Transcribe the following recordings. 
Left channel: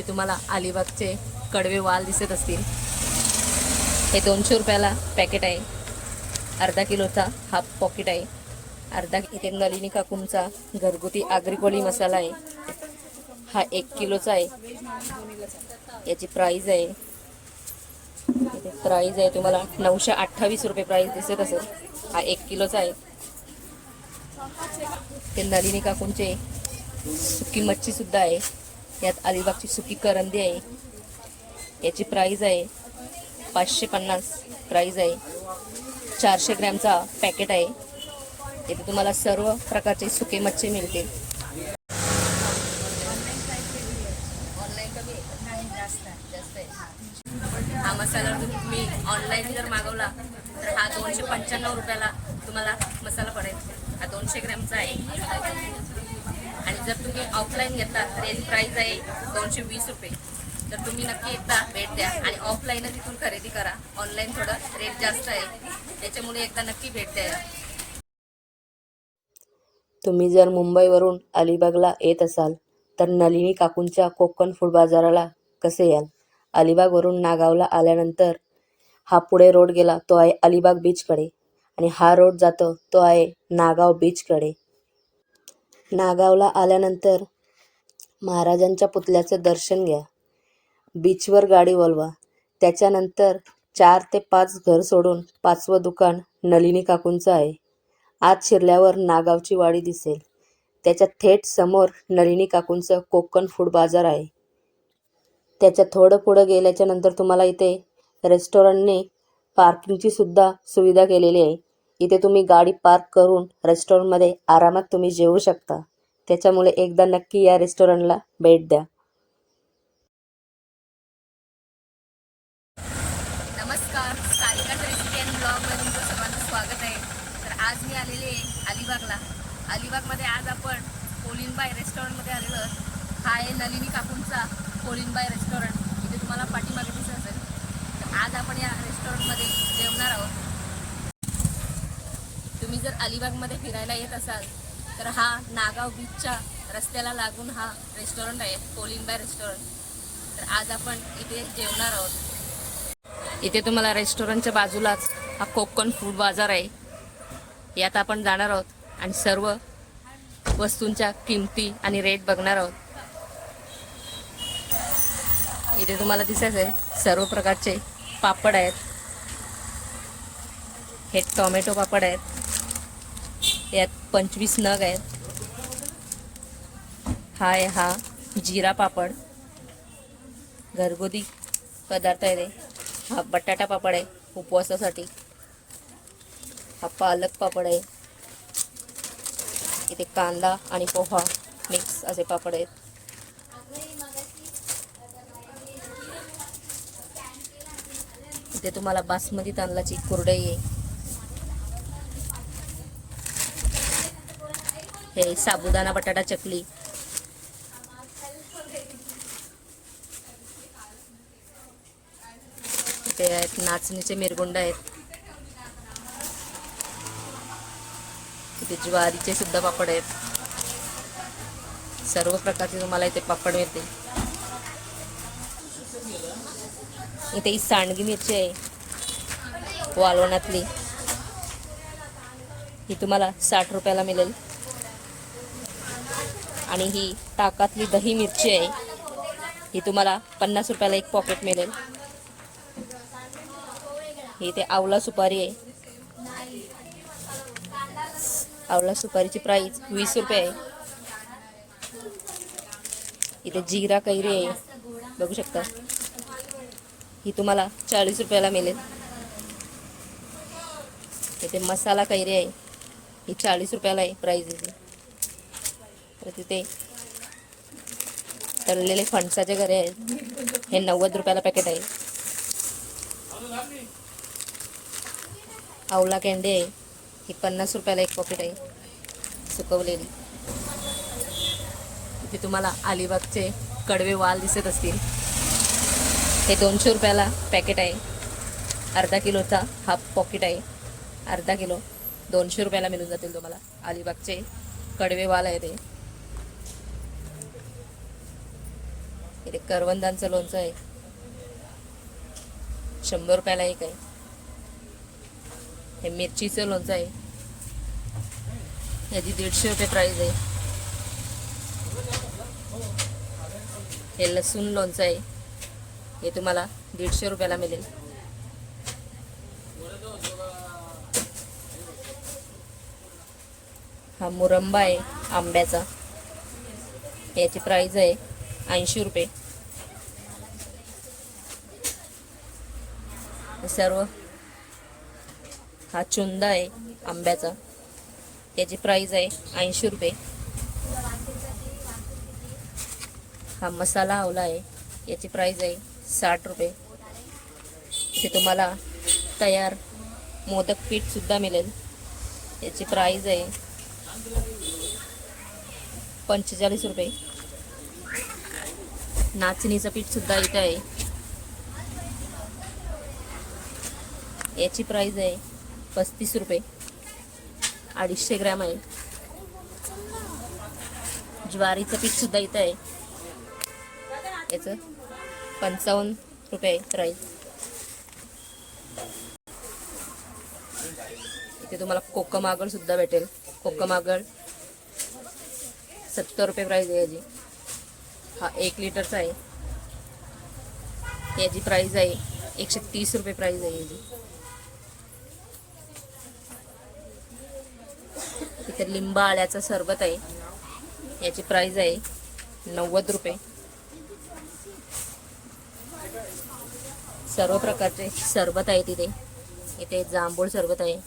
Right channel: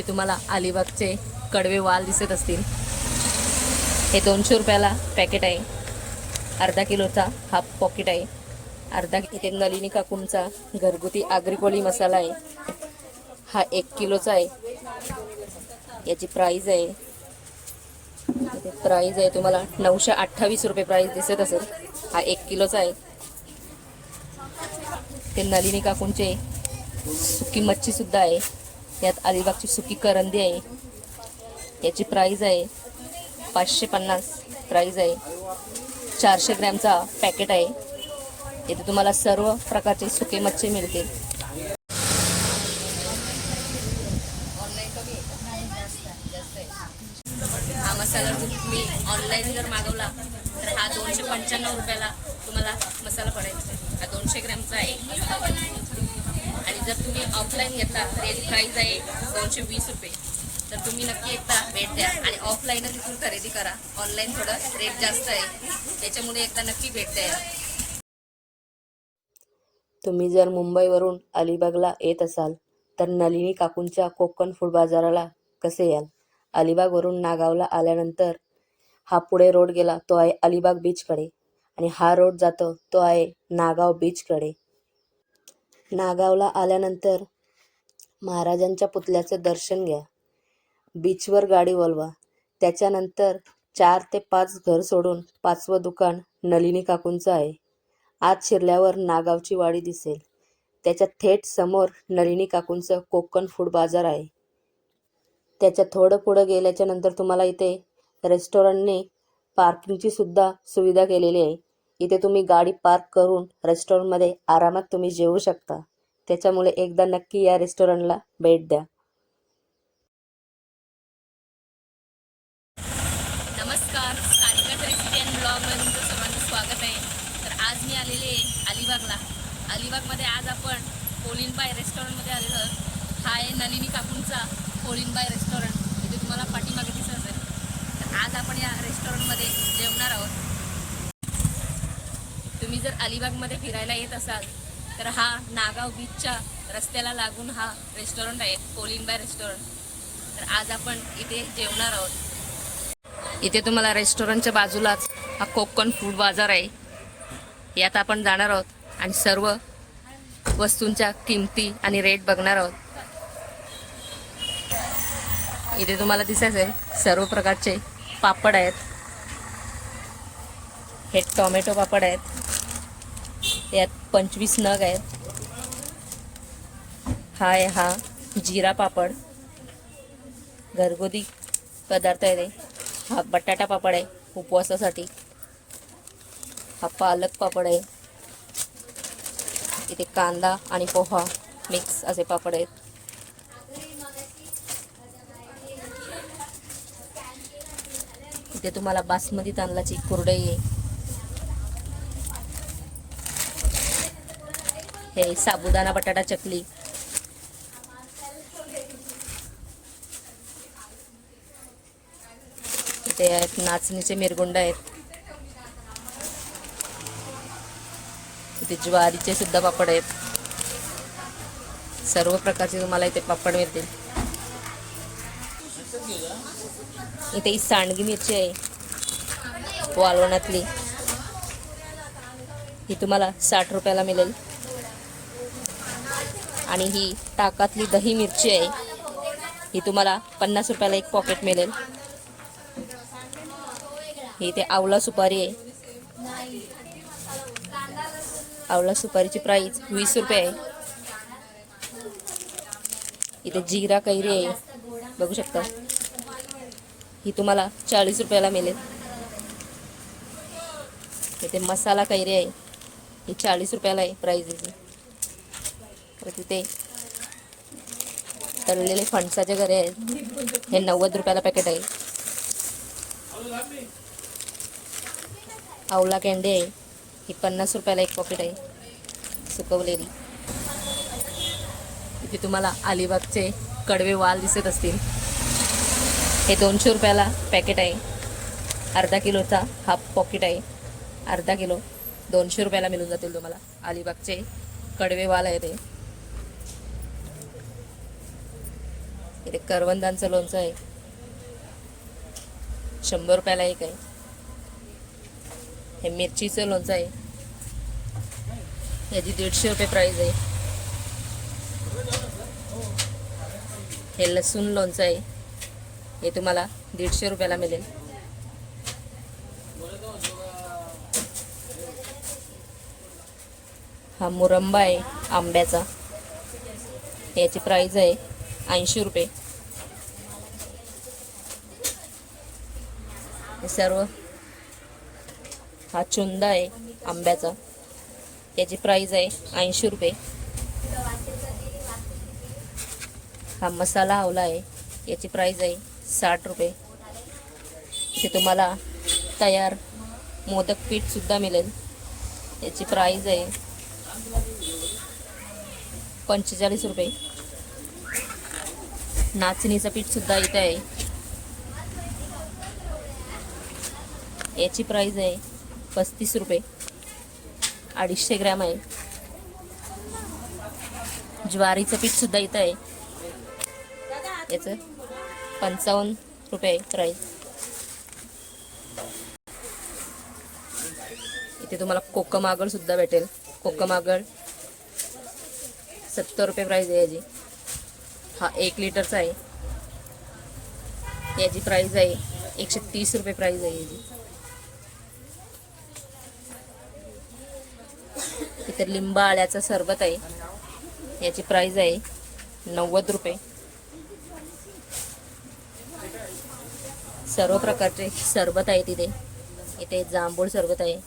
वरती तुम्हाला अलिबागचे कडवे वाल दिसत असतील. हे दोनशे रुपयाला पॅकेट आहे. अर्धा किलोचा हा पॉकेट आहे. अर्धा इथे नलिनी काकूंचा घरगुती आगरी मसाला आहे. हा एक किलोचा आहे. याची प्राईज आहे. इथे प्राईज आहे तुम्हाला नऊशे अठ्ठावीस रुपये प्राईज दिसत असेल. हा एक किलोचा आहे. ते नलिनी काकूंचे सुकी मच्छीसुद्धा आहे. यात अलिबागची सुकी करंदी आहे. याची प्राईज आहे पाचशे पन्नास. प्राईज आहे चारशे ग्रॅमचा पॅकेट आहे. इथे तुम्हाला सर्व प्रकारचे सुके मच्छी मिळतील. हा मसाला जर तुम्ही ऑनलाईन जर मागवला तर हा दोनशे पंच्याण्णव रुपयाला तुम्हाला मसाला पडेल. हा दोनशे ग्रॅमचा आहे. आणि जर तुम्ही ऑफलाईन घेतला तर याची प्राईस आहे दोनशे वीस रुपये. तर तुम्ही नक्की एकदा भेट द्या आणि ऑफलाईनच इथून खरेदी करा. ऑनलाईन थोडं रेट जास्त आहे. त्याच्यामुळे एकदा नक्की भेट द्या. तुम्ही जर मुंबईवरून अलिबागला येत असाल तर नलिनी काकूंच्या कोकण फूड बाजाराला कसे याल? अलिबागवरून नागावला आल्यानंतर हा पुढे रोड गेला तो आहे अलिबाग बीचकडे आणि हा रोड जातो तो आहे नागाव बीचकडे नागावला आल्यानंतर महाराजांच्या पुतल्याचं दर्शन घ्या. बीचवर गाडी वळवा. त्याच्यानंतर चार ते पाच घर सोडून पाचवं दुकान नलिनी काकूंचं आहे. आत शिरल्यावर नागावची वाडी दिसेल. त्याच्या थेट समोर नलिनी काकूंचं कोकण फूड बाजार आहे. त्याच्या थोडं पुढं गेल्याच्यानंतर तुम्हाला इथे रेस्टॉरंटने पार्किंगची सुद्धा सुविधा केलेली आहे. इथे तुम्ही गाडी पार्क करून रेस्टॉरंटमध्ये आरामात तुम्ही जेवू शकता. त्याच्यामुळे एकदा नक्की या रेस्टॉरंटला भेट द्या. नमस्कार. सारिका रेसिडेंट अँड ब्लॉगमध्ये तुमचं सर्वांचं स्वागत आहे. तर आज मी आलेले आहे अलिबागला. अलिबागमध्ये आज आपण कोलिनबाय रेस्टॉरंटमध्ये आलेलो आहोत. हा आहे नलिनी काकूंचा कोलिनबाय रेस्टॉरंट. इथे तुम्हाला पाठीमागे दिसत असेल. तर आज आपण या रेस्टॉरंटमध्ये जेवणार आहोत. तुम्ही जर अलिबागमध्ये फिरायला येत असाल तर हा नागाव बीचच्या रस्त्याला लागून हा रेस्टॉरंट आहे कोलिनबाय रेस्टॉरंट तर आज आपण इथे जेवणार आहोत. इथे तुम्हाला रेस्टॉरंटच्या बाजूलाच हा कोकण फूड बाजार आहे. यात आपण जाणार आहोत आणि सर्व वस्तूंच्या किमती आणि रेट बघणार आहोत. इथे तुम्हाला दिसायचं सर्व प्रकारचे पापड आहेत. हे टोमॅटो पापड आहेत. यात पंचवीस नग आहेत. हा आहे हा जिरा पापड. घरगुती पदार्थ आहे ते. हा बटाटा पापड आहे उपवासासाठी. हा पालक पापड आहे. इथे कांदा आणि पोहा मिक्स असे पापड आहेत. इथे तुम्हाला बासमती तांदळाची कुरडई आहे. हे साबुदाणा बटाटा चकली. इथे आहेत नाचणीचे मिरगुंड आहेत. इथे ज्वारीचे सुद्धा पापड आहेत. सर्व प्रकारचे तुम्हाला इथे पापड मिळतील. इथे ही सांडगी मिरची आहे. वालवणातली. ही तुम्हाला साठ रुपयाला मिळेल. आणि ही ताकातली दही मिरची आहे. ही तुम्हाला पन्नास रुपयाला एक पॉकेट मिळेल. ही इथे आवला सुपारी आहे. आवला सुपारीची प्राईस वीस रुपये आहे. इथे जिरा कैरी आहे. बघू शकता. ही तुम्हाला चाळीस रुपयाला मिळेल. इथे मसाला कैरी आहे. ही चाळीस रुपयाला आहे प्राईज तर परत इथे तळलेले फणसाचे गरे आहेत. हे नव्वद रुपयाला पॅकेट आहे. आवला कॅन्डी आहे. ही पन्नास रुपयाला एक पॉकेट आहे. सुकवलेली. इथे तुम्हाला अलिबागचे कडवे वाल दिसत असतील. हे दोनशे रुपयाला पॅकेट आहे. अर्धा किलोचा हा पॉकेट आहे. अर्धा किलो दोनशे रुपयाला मिळून जातील तुम्हाला. अलिबागचे कडवे वाल आहे ते. इथे करवंदांचं लोणचं आहे. शंभर रुपयाला एक आहे. हे मिरचीचं लोणचं आहे. याची दीडशे रुपये प्राईज आहे. हे लसूण लोणचं आहे. हे तुम्हाला दीडशे रुपयाला मिळेल. हा मुरंबा आहे आंब्याचा. याची प्राईज आहे ऐंशी रुपये. हे सर्व हा चुंदा आहे आंब्याचा. त्याची प्राईज आहे ऐंशी रुपये. हा मसाला आवला आहे. याची प्राईज आहे साठ रुपये. इथे तुम्हाला तयार मोदक पीठसुद्धा मिळेल. याची प्राईज आहे पंचेचाळीस रुपये. नाचणीचं पीठसुद्धा इथं आहे. याची प्राईज आहे पस्तीस रुपये. अडीचशे ग्रॅम आहे. ज्वारीचं पीठसुद्धा इथं आहे. याचं पंचावन्न रुपये प्राईज इथे तुम्हाला कोकम सुद्धा भेटेल. कोकम आगळ सत्तर रुपये प्राईज आहे याची. हा एक लिटरचा आहे. याची प्राईज आहे एकशे तीस रुपये प्राईज आहे याची. तर लिंबा आळ्याचं सरबत आहे. याची प्राइस आहे नव्वद रुपये. सर्व प्रकारचे सरबत आहे तिथे. इथे जांभूळ सरबत आहे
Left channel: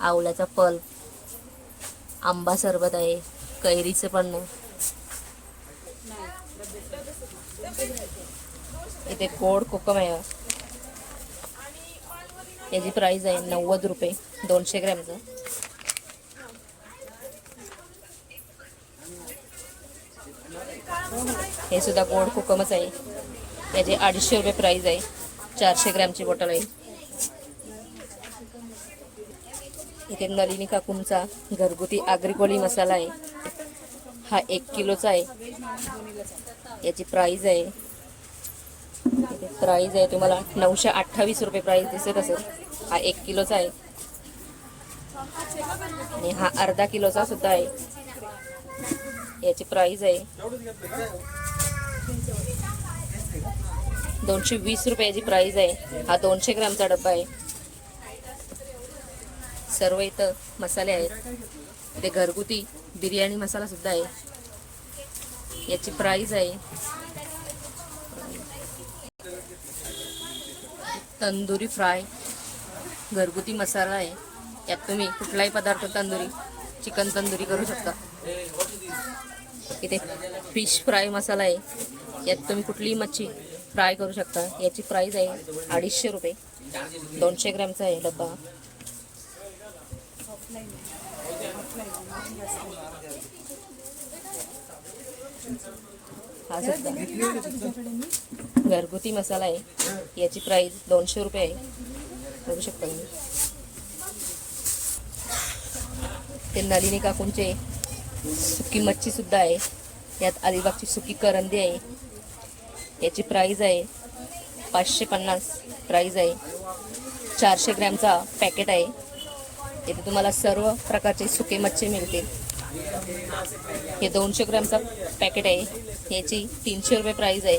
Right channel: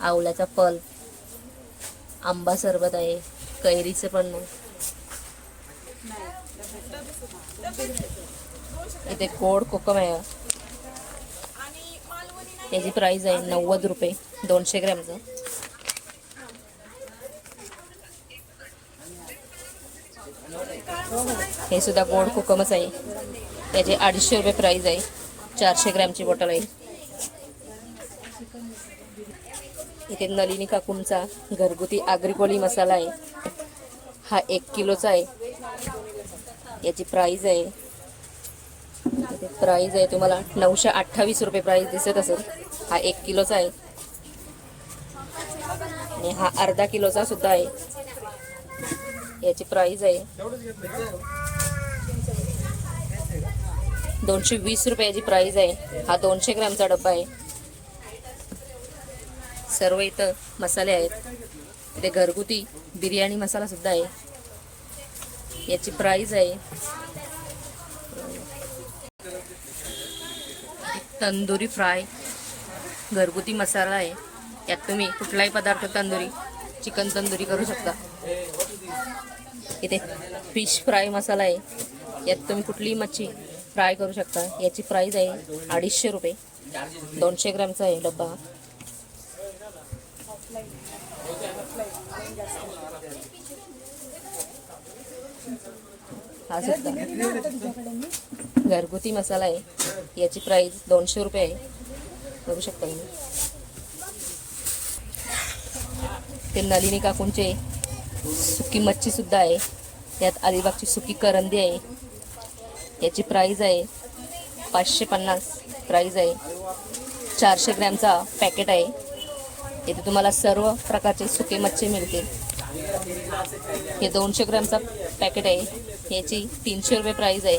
आवल्याचा फल आंबा सरबत आहे कैरीचं पण इथे गोड कोकम आहे. याची प्राइस आहे नव्वद रुपये दोनशे ग्रॅमचं. हे सुद्धा गोड कोकमच आहे. याचे अडीचशे रुपये प्राईज आहे. चारशे ग्रॅमची बॉटल आहे. इथे नलिनी काकूंचा घरगुती आग्रिकोली मसाला आहे. हा एक किलोचा आहे. याची प्राईज आहे. इथे प्राईज आहे तुम्हाला नऊशे अठ्ठावीस रुपये प्राईज दिसत असेल. हा एक किलोचा आहे. आणि हा अर्धा किलोचा सुद्धा आहे. याची प्राईज आहे. दोनशे वीस रुपयाची प्राईज आहे. हा दोनशे ग्रॅमचा डब्बा आहे. सर्व इथं मसाले आहेत. इथे घरगुती बिर्याणी मसाला सुद्धा आहे. याची प्राईज आहे. तंदुरी फ्राय. घरगुती मसाला आहे. यात तुम्ही कुठलाही पदार्थ तंदुरी चिकन तंदुरी करू शकता. इथे फिश फ्राय मसाला आहे. यात तुम्ही कुठलीही मच्छी फ्राय करू शकता. याची प्राईज आहे अडीचशे रुपये. दोनशे ग्रॅमचा आहे डब्बा. हा सुद्धा. घरगुती मसाला आहे. याची प्राईज दोनशे रुपये आहे. बघू शकता तुम्ही. ते नलिनी काकूंचे सुकी मच्छी सुद्धा आहे. यात अलिबागची सुकी करंदी आहे. याची प्राईज आहे पाचशे पन्नास. प्राईज आहे चारशे ग्रॅमचा पॅकेट आहे. इथे तुम्हाला सर्व प्रकारचे सुके मच्छी मिळतील. हे दोनशे ग्रॅमचा पॅकेट आहे. याची तीनशे रुपये प्राईज आहे.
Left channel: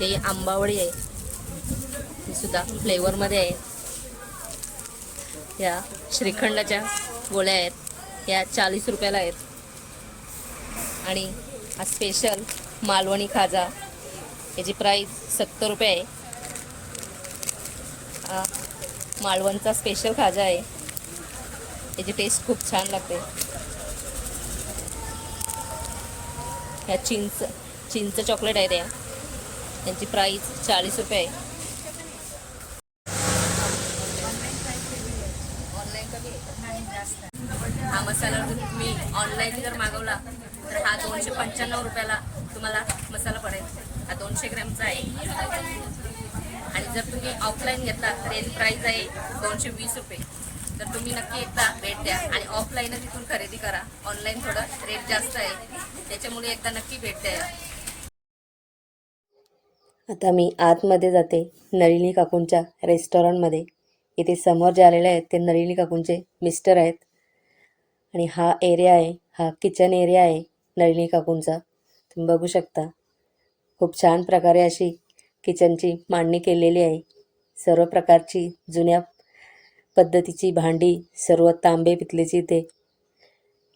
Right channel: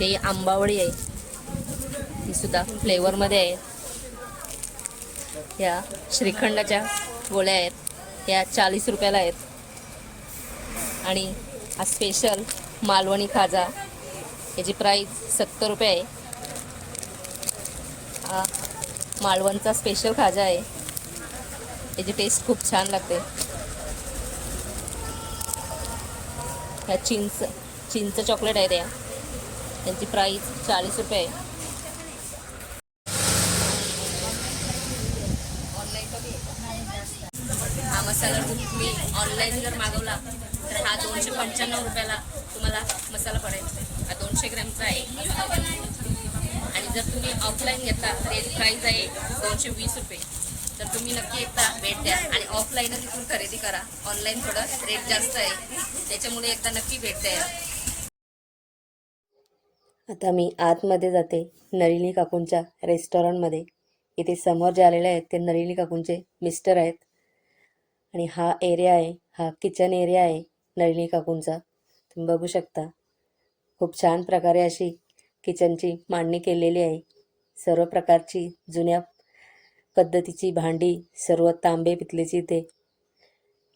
ते आंबावळी आहे. ही सुद्धा फ्लेवरमध्ये आहे. या श्रीखंडाच्या गोळ्या आहेत. या चाळीस रुपयाला आहेत. आणि हा स्पेशल मालवणी खाजा याची प्राईस सत्तर रुपये आहे. हा मालवणचा स्पेशल खाजा आहे. याची टेस्ट खूप छान लागते. ह्या चिंच चिंच चॉकलेट आहे या त्यांची प्राईस चाळीस रुपये आहे. कलर मसाला जर तुम्ही ऑनलाईन जर मागवला तर हा दोनशे पंच्याण्णव रुपयाला तुम्हाला मसाला पडेल. हा दोनशे ग्रॅमचा आहे. आणि जर तुम्ही ऑफलाईन घेतला तर याची प्राईज आहे दोनशे वीस रुपये. तर तुम्ही नक्की एकदा भेट द्या आणि ऑफलाईनच इथून खरेदी करा. ऑनलाईन थोडं रेट जास्त आहे. त्याच्यामुळे एकदा नक्की भेट द्या. आता मी आतमध्ये जाते नलिनी काकूंच्या रेस्टॉरंटमध्ये इथे समोर जे आलेले आहेत ते नलिनी काकूंचे मिस्टर आहेत. आणि हा एरिया आहे हा किचन एरिया आहे नलिनी काकूंचा. तुम्ही बघू शकता. खूप छान प्रकारे अशी किचनची मांडणी केलेली आहे. सर्व प्रकारची जुन्या पद्धतीची भांडी सर्व तांबे पितलेची इथे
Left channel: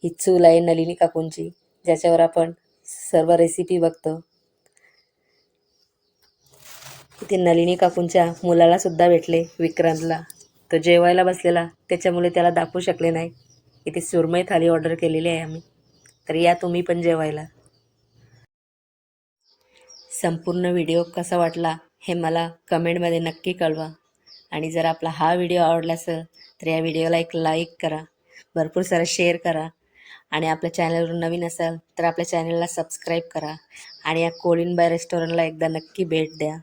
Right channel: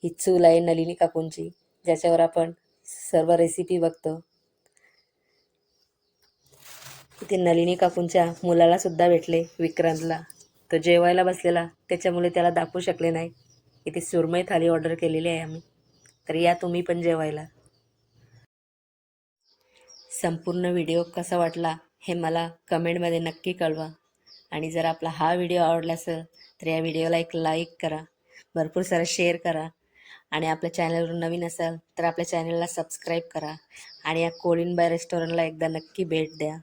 ही चूल आहे नलिनी काकूंची ज्याच्यावर आपण सर्व रेसिपी बघतो. इथे नलिनी काकूंच्या मुलाला सुद्धा भेटले विक्रांतला. तो जेवायला बसलेला त्याच्यामुळे त्याला दाखवू शकले नाही. इथे सुरमई थाली ऑर्डर केलेली आहे आम्ही. तर या तुम्ही पण जेवायला. संपूर्ण व्हिडिओ कसा वाटला हे मला कमेंटमध्ये नक्की कळवा. आणि जर आपला हा व्हिडिओ आवडला असेल तर या व्हिडिओला एक लाईक करा. भरपूर सारा शेअर करा. आणि आपल्या चॅनलवर नवीन असाल तर आपल्या चॅनलला सबस्क्राईब करा. आणि या कोलिनबाय रेस्टॉरंटला एकदा नक्की भेट द्या.